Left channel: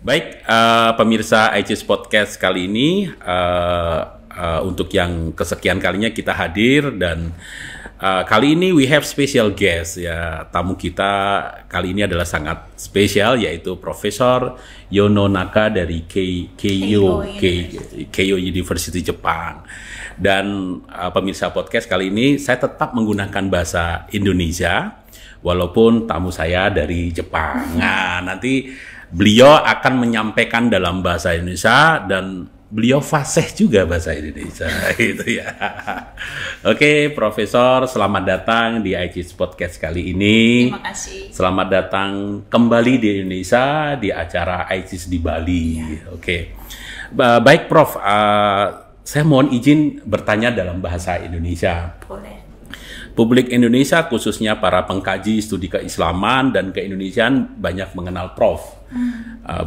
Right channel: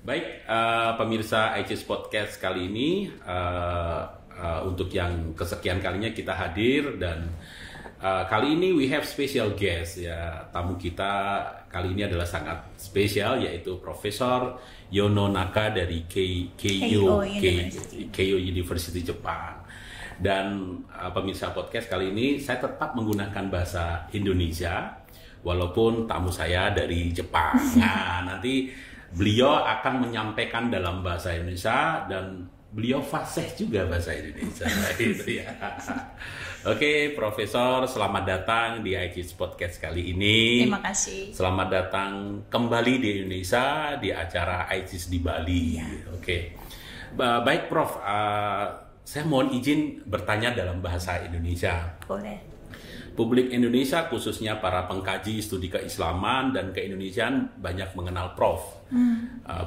Baik, pemirsa ICIS Podcast kali ini untuk yang kesekian kalinya kita hadir dan kali ini we have special guest ya. Tamu kita kali ini adalah sangat spesial yaitu Profesor Yono Naka dari Keio University Jepang. Dan pemirsa podcast kali ini saya tetap menggunakan bahasa Indonesia walaupun tamu saya dari Jepang. Nah, nanti beliau akan menyampaikan dalam bahasa Indonesia dan beliau fasih juga bahasa Indonesia gitu ya. Oke, Profesor, selamat datang di ICIS Podcast kali ini. Terima kasih. Selamat datang kembali di Indonesia di acara ICIS di Bali. Ya. Oke. Baik, Prof. Saya mohon izin bertanya dalam bahasa Indonesia. Boleh. Publik Indonesia khususnya para pengkaji studi keislaman dan keindonesiaan banyak mengenal Prof.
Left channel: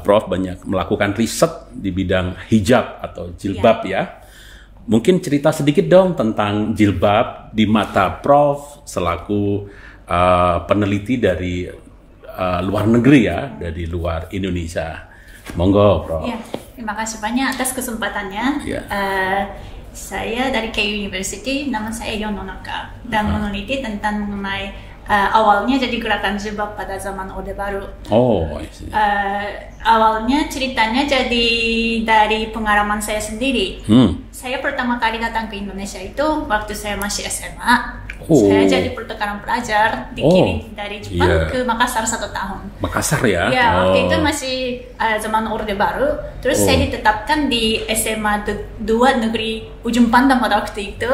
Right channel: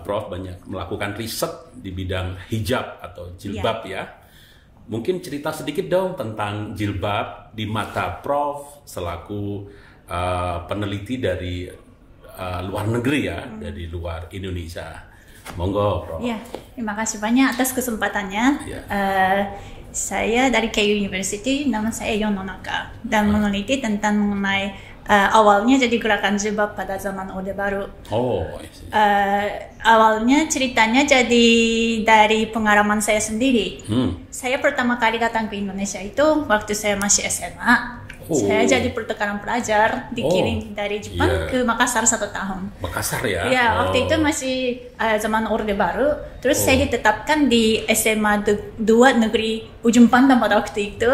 Prof banyak melakukan riset di bidang hijab atau jilbab ya. Mungkin cerita sedikit dong tentang jilbab di mata Prof selaku peneliti dari luar negeri ya, dari luar Indonesia. Monggo, Prof. Ya, terima kasih banyak atas kesempatannya. Ya. Saya dari Keio University, nama saya Yono Naka dan meneliti tentang mengenai awalnya jadi gerakan jilbab pada zaman Orde Baru. Oh, awalnya ceritanya jadi dari pengalaman saya sendiri. Saya pertama kali datang ke Indonesia itu waktu saya masih SMA. Saya jadi pertukaran pelajar dikirim dari Jepang ke Makassar 1 tahun. Makassar ya? Ya, waktu itu masih zaman Orde Baru. Terus saya ditetapkan di SMA 2 Negeri Ujung Pandang pada waktu itu.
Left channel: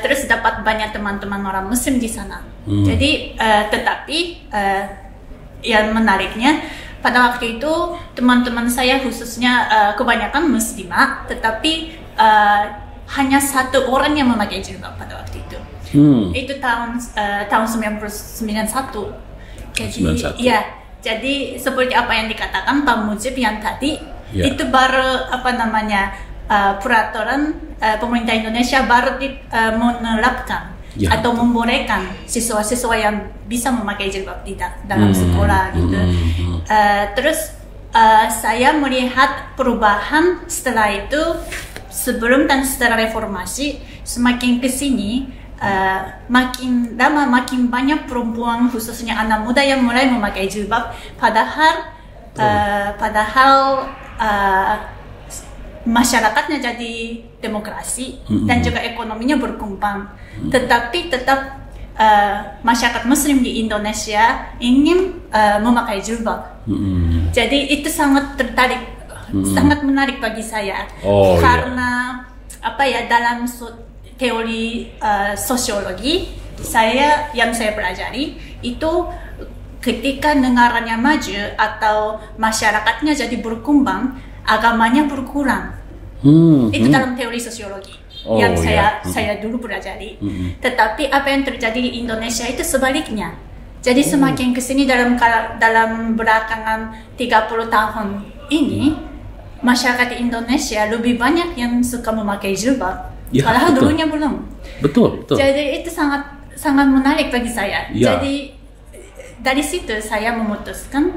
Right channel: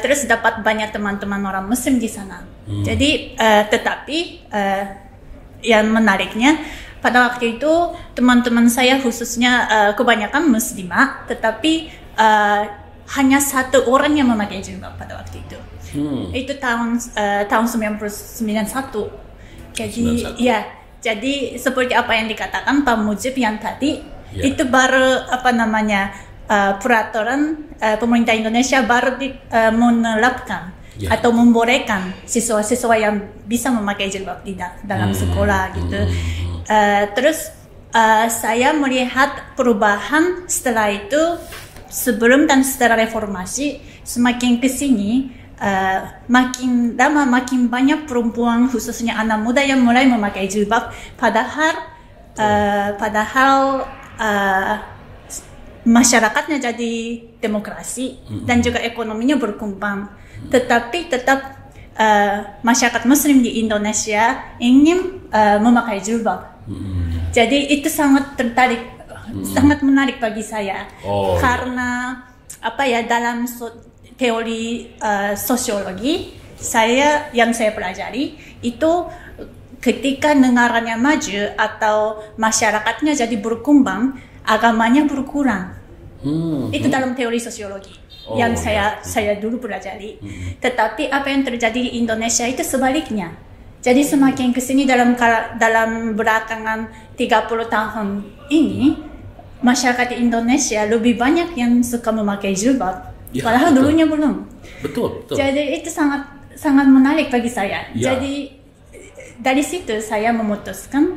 Terus dapat banyak teman-teman orang Muslim di sana. Jadi, tetapi yang menariknya pada waktu itu teman-teman saya khususnya kebanyakan Muslimah, tetapi hanya satu orang yang memakai jilbab pada waktu itu. Itu tahun 1991. Jadi, ya, jadi seperti apa yang dikatakan Pak Mujib yang tadi, itu baru peraturan pemerintah Indonesia baru menerapkan atau membolehkan siswa-siswa yang bisa memakai jilbab tidak dalam sekolah gitu. Terus saya melihat perubahan setelah itu, sebelum dan setelah reformasi, semakin kesini makin lama makin banyak perempuan khususnya anak muda yang mulai memakai jilbab. Padahal masyarakatnya jadi demokrasi dan juga ekonominya berkembang. Tetapi tetap masyarakat Muslim di Indonesia ingin memakai jilbab. Jadi itu sangat tertarik, sangat menarik bagi saya karena dalam teori sosiologi yang saya pelajari itu ketika negaranya maju atau masyarakatnya jadi berkembang, agamanya berkurang. Itu dalam teori sosiologi yang saya dulu pelajari. Tetapi apa yang terjadi di Indonesia itu sebaliknya. Jadi semakin kesini dalam belakangan 30 tahun ini, masyarakat di Indonesia lebih banyak yang suka memakai jilbab. Padahal dulunya belum. Betul. Jadi itu sangat menarik bagi saya. Jadi dari situ saya memutuskan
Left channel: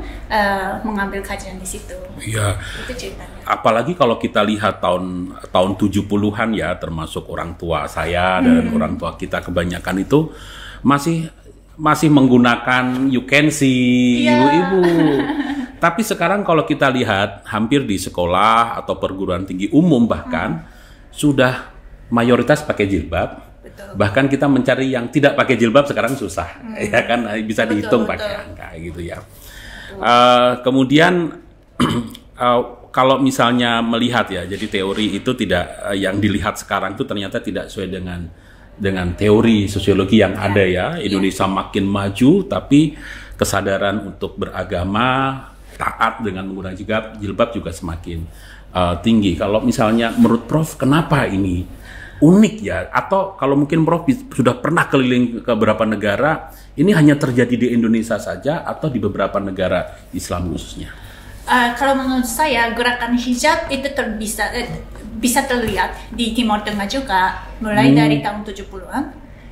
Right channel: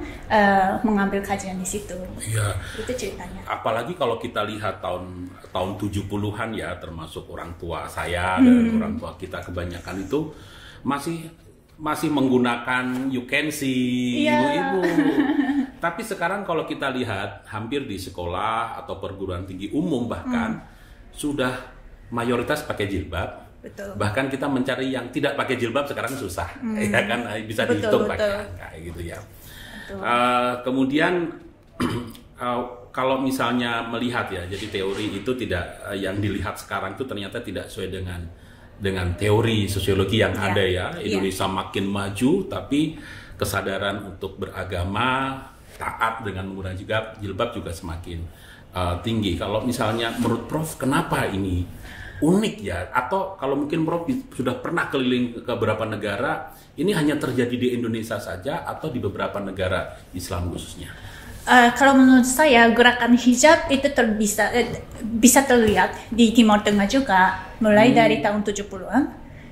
mengambil kajian di situ. Iya. Itu ceritanya. Apalagi kalau kita lihat tahun 70-an ya, termasuk orang tua saya dan orang tua kita kebanyakan itu masih menggunakan you can see ibu-ibu. Tapi sekarang kalau kita lihat hampir di sekolah atau perguruan tinggi umum bahkan sudah mayoritas pakai jilbab. Betul. Bahkan kita mencari yang tidak pakai jilbab sekarang susah, ya kan, bisa dihitung pakai angka gitu ya. Kemudian kalau misalnya melihat ya, jadi teori itu tidak yang dilihat sekarang itu ternyata tidak sesuai dengan teori sosiologi yang ada ya. Indonesia makin maju, tapi kesadaran untuk beragama taat dengan menggunakan jilbab juga semakin tinggi. Kalau misalnya menurut Prof, kenapa ini unik ya? Atau kalau mungkin Prof sudah pernah keliling ke beberapa negara, ini hanya terjadi di Indonesia saja atau di beberapa negara Islam khususnya? Kalau menurut saya gerakan hijab itu bisa terlihat di Timur Tengah juga mulai dari tahun 70-an.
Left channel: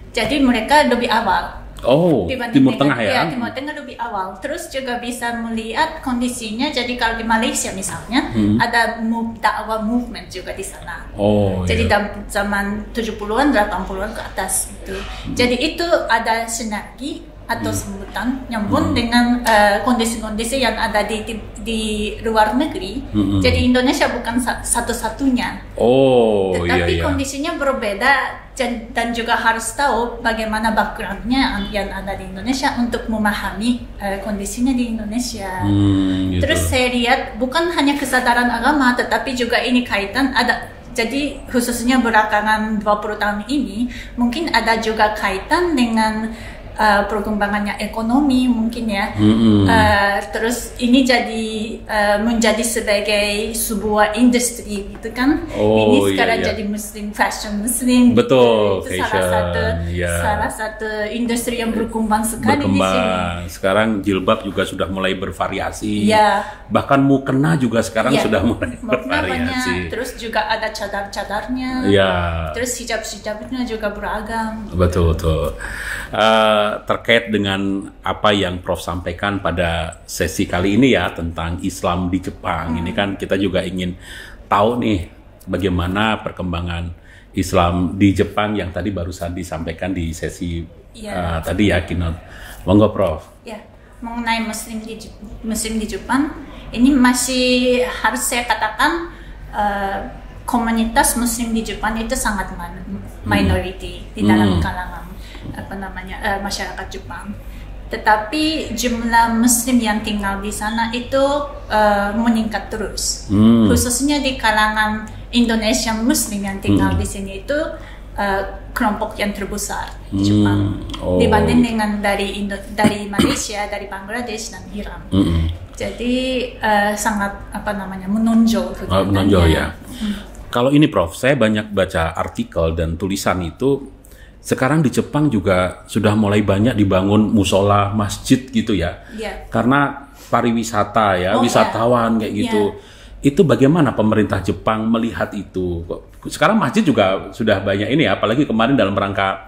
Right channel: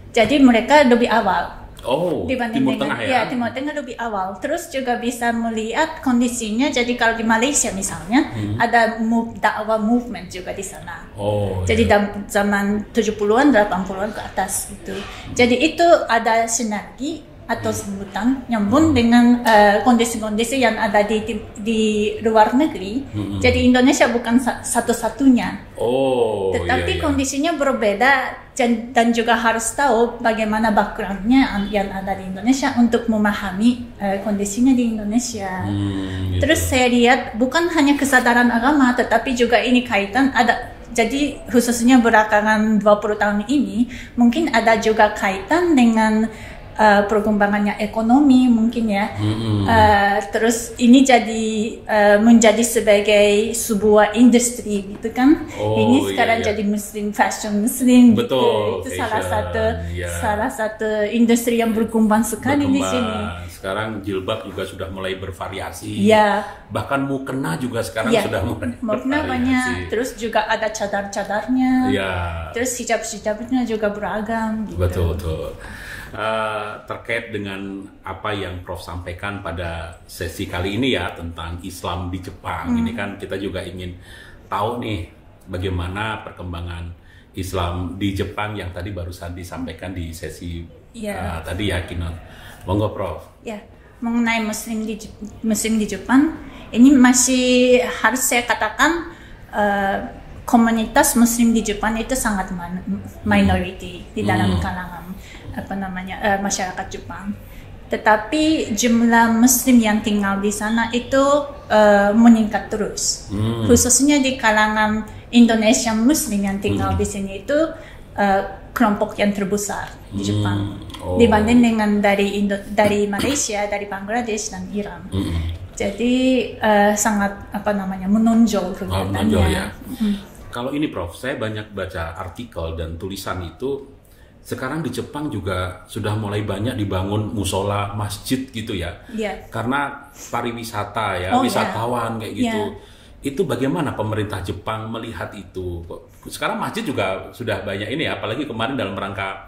Jadi mereka lebih awal. Oh, dibanding Timur Tengah ya? Ya, Timur Tengah lebih awal. Terus juga bisa melihat kondisinya. Jadi kalau di Malaysia misalnya ada dakwah movement juga di sana. Oh. Jadi iya. zaman 70-an, 80-an ke atas itu. Jadi itu ada sinergi atau sebutan nyambung dengan kondisi-kondisi yang ada di luar negeri. Jadi Indonesia bukan satu-satunya. Oh, Tetapi iya. kondisinya berbeda dan juga harus tahu bagaimana backgroundnya yang ada di Indonesia untuk memahami kondisinya di Indonesia. Gitu. Terus saya lihat bukan hanya kesadaran agama, tetapi juga ini kaitan ada. Jadi khususnya belakangan 20 tahun ini mungkin ada juga kaitan dengan perkembangannya ekonomi mungkin ya. Terus ini jadi menjadi sebagai sebuah industri gitu kan. Ini sekarang jadi muslim fashion muslim. Betul. Gitu. Itu Fashion, salah satu industri yang berkembang sekali di sini. Sekarang jilbab juga sudah mulai bervariasi. Iya. Bahkan mukena juga sekarang sudah mulai bervariasi. Terus juga ada cadar-cadarnya. Iya. Terus hijab-hijabnya juga beragam. Betul. Terkait dengan apa yang Prof sampaikan pada sesi kali ini ya tentang Islam di Jepang, ini kan kita juga ingin tahu nih bagaimana perkembangan Islam di Jepang yang tadi barusan disampaikan di sesi tadi ya, keynote. Monggo Prof. Ya, mengenai muslim di Jepang, ini masih harus saya katakan komunitas muslim di Jepang itu sangat minority di dalam kalangan masyarakat Jepang. Tetapi jumlah muslim yang tinggal di sana itu meningkat terus. Khususnya di kalangan Indonesia muslim yang tinggal di sini itu kelompok yang terbesar di Jepang dibanding dengan dari Malaysia, dari Bangladesh dan Iran. Jadi sangat menonjol kegiatannya. Menonjol ya. Kalau ini Prof, saya banyak baca artikel dan tulisan itu. Sekarang di Jepang juga sudah mulai banyak dibangun musola, masjid gitu ya. Karena pariwisata ya, wisatawan kayak gitu. Itu bagaimana pemerintah Jepang melihat itu? Sekarang masjid juga sudah banyak ini ya, apalagi kemarin dalam rangka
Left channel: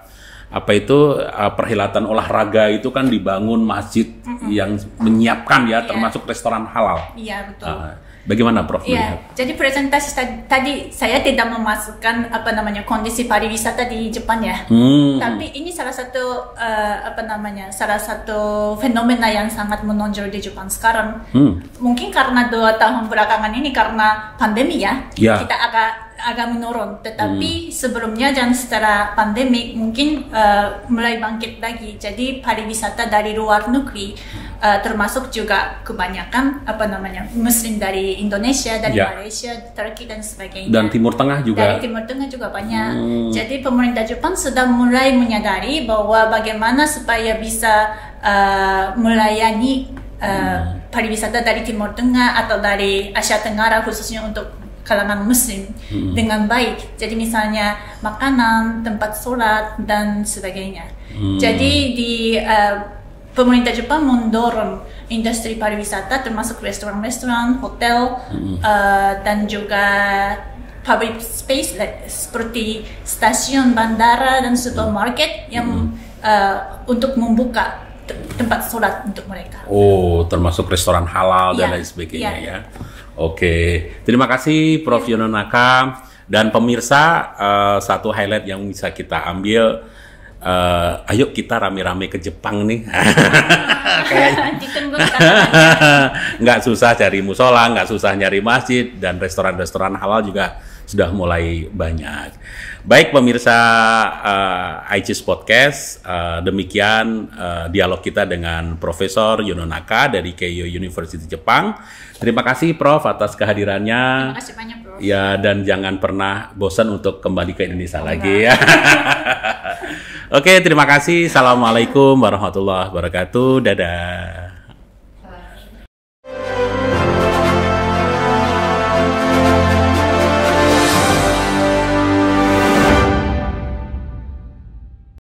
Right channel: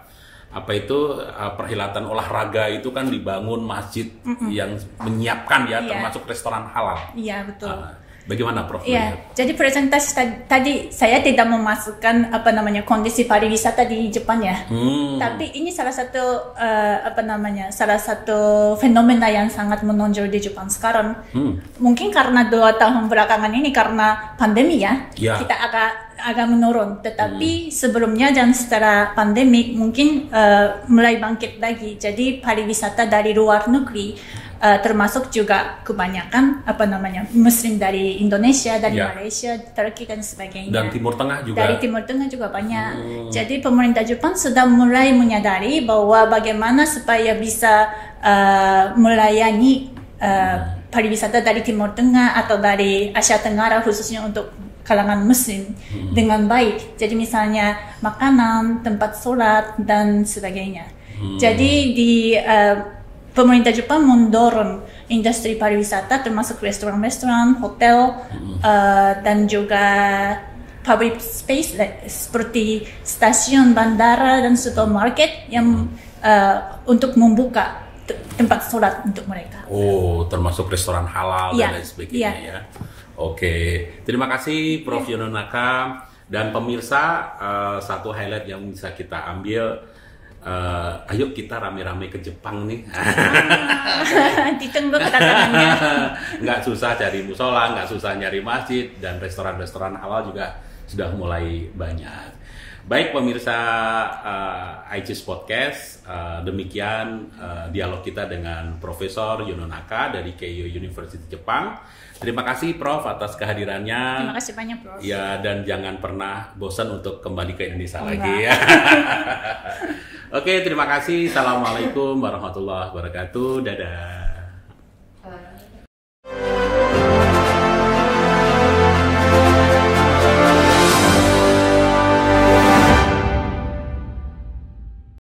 perhelatan olahraga itu kan dibangun masjid yang menyiapkan ya, termasuk restoran halal. Iya, betul. Bagaimana Prof? Iya, jadi presentasi tadi saya tidak memasukkan kondisi pariwisata di Jepang ya. Tapi ini salah satu salah satu fenomena yang sangat menonjol di Jepang sekarang. Mungkin karena 2 tahun belakangan ini karena pandemi ya. Kita agak menurun. Tetapi sebelumnya dan setelah pandemi mungkin mulai bangkit lagi. Jadi pariwisata dari luar negeri termasuk juga kebanyakan muslim dari Indonesia, dari Malaysia, Turki dan sebagainya. Dan Timur Tengah juga. Dari Timur Tengah juga banyak. Jadi pemerintah Jepang sudah mulai menyadari bahwa bagaimana supaya bisa melayani pariwisata dari Timur Tengah atau dari Asia Tenggara khususnya untuk kalangan muslim dengan baik. Jadi misalnya makanan, tempat sholat dan sebagainya. Jadi di pemerintah Jepang mendorong industri pariwisata termasuk restoran-restoran, hotel, dan juga public space seperti stasiun, bandara, dan supermarket yang untuk membuka tempat sholat untuk mereka. Oh, termasuk restoran halal dan lain sebagainya ya. Oke, terima kasih Prof. Yononaka dan pemirsa. Satu highlight yang bisa kita ambil. Ayo kita rame-rame ke Jepang nih. Ditunggu kedatangannya. Nggak susah cari musola, nggak susah nyari masjid, dan restoran-restoran halal juga sudah mulai banyak. Baik pemirsa ICIS Podcast, demikian dialog kita dengan Profesor Yononaka dari Keio University Jepang. Terima kasih Prof atas kehadirannya. Terima kasih banyak Prof. Ya, dan jangan pernah bosan untuk kembali ke Indonesia lagi ya. Oke, terima kasih. Assalamualaikum warahmatullahi wabarakatuh. Dadah.